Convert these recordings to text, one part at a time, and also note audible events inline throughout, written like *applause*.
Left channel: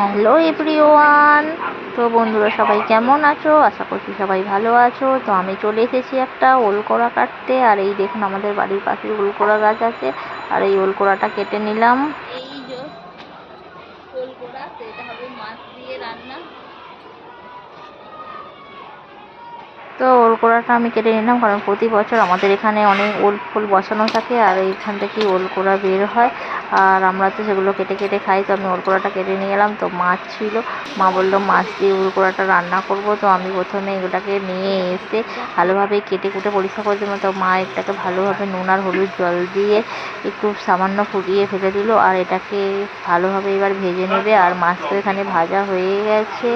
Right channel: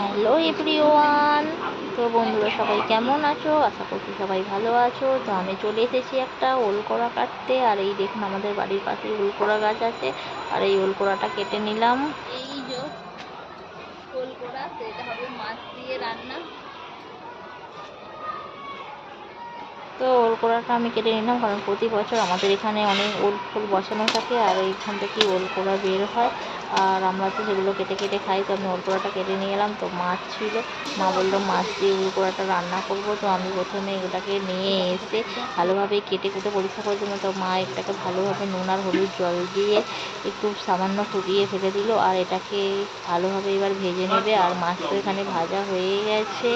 Hello everyone তো বন্ধুরা, সবাই কেমন আছো? আশা করছি সবাই ভালো আছো। তো আমি চলে এসেছি একটা ওলকড়া কাটতে। আর এই দেখুন, আমাদের বাড়ির পাশে ওলকড়া গাছ আছে। আর এই ওলকড়াটা কেটে নিলাম। এই যে ওলকড়া সেটা হবে মাছ দিয়ে রান্না। তো ওল কোড়াটা আমি কেটে নিলাম, কারণ প্রতি বছর আমাদের এখানে অনেক ওল ফুল বসানো থাকে আর এইখান থেকেই ওল কোড়া বের হয়। আর আমরা তো সেগুলো কেটে কেটে খাই, তো আমি ওল কোড়াটা কেটে নিয়ে এলাম। তো মাছ ছিল, মা বলল, মাছ দিয়ে ওল কোড়াটা রান্না করব। তো আমি প্রথমে এগুলোকে নিয়ে এসে ভালোভাবে কেটে কুটে পরিষ্কার করে দিলাম তো মা এটাকে ভালোভাবে নুন আর হলুদ জল দিয়ে একটু সামান্য ফুটিয়ে ফেলে দিল। আর এটাকে ভালোভাবে এবার ভেজে নেবে। আর মাছ তো এখানে ভাজা হয়ে গেছে।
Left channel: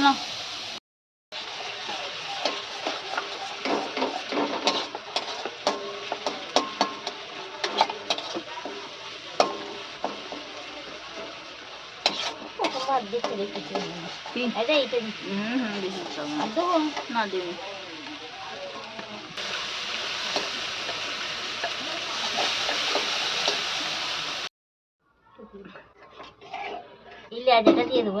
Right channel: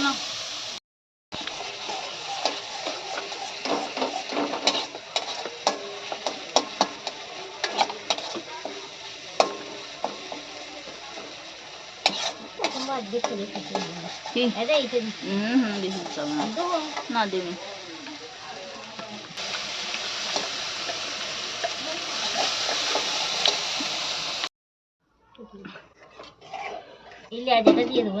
না। না দেবে। এই লেজাটা দিয়ে দেবো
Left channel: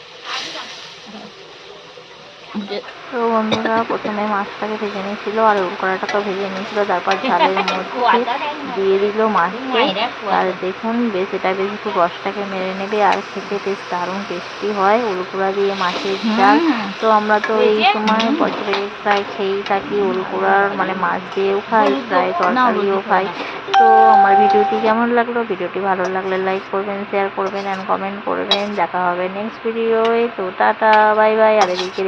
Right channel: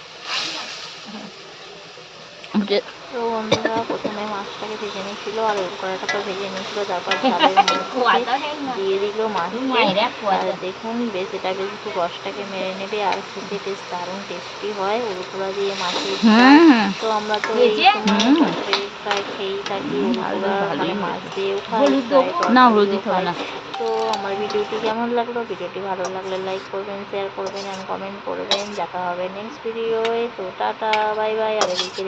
তো বন্ধুরা প্রথমে মাছটাকে ভেজে নিয়েছিল আর কড়াটাকে ভেজে নিয়েছিল তারপর *laughs* ঝালের মধ্যে *laughs* না দিয়ে দিল মাছকে। আর দেখুন বেশ এটা বেশ একটু রসটাকে মেরে নেবে আর খেতে বেশ দারুণ টেস্টি হয়। উলকুড়া দিয়ে মাছের ঝাল। তো আমরা তো এই সময়। বছরে প্রায় খেয়েই থাকি উলকুড়ার মানে মাছ দিয়েও খাই প্রায় তরকারিও খাই। তো আমার ভিডিওটি কেমন লাগল? ভিডিওটি ভালো লাগলে লাইক করবেন শেয়ার করবেন অ্যান্ড কমেন্ট করবেন। দেখা হবে নেক্সট ভিডিওয়ে তো টাটা বাই বাই আর এদিকে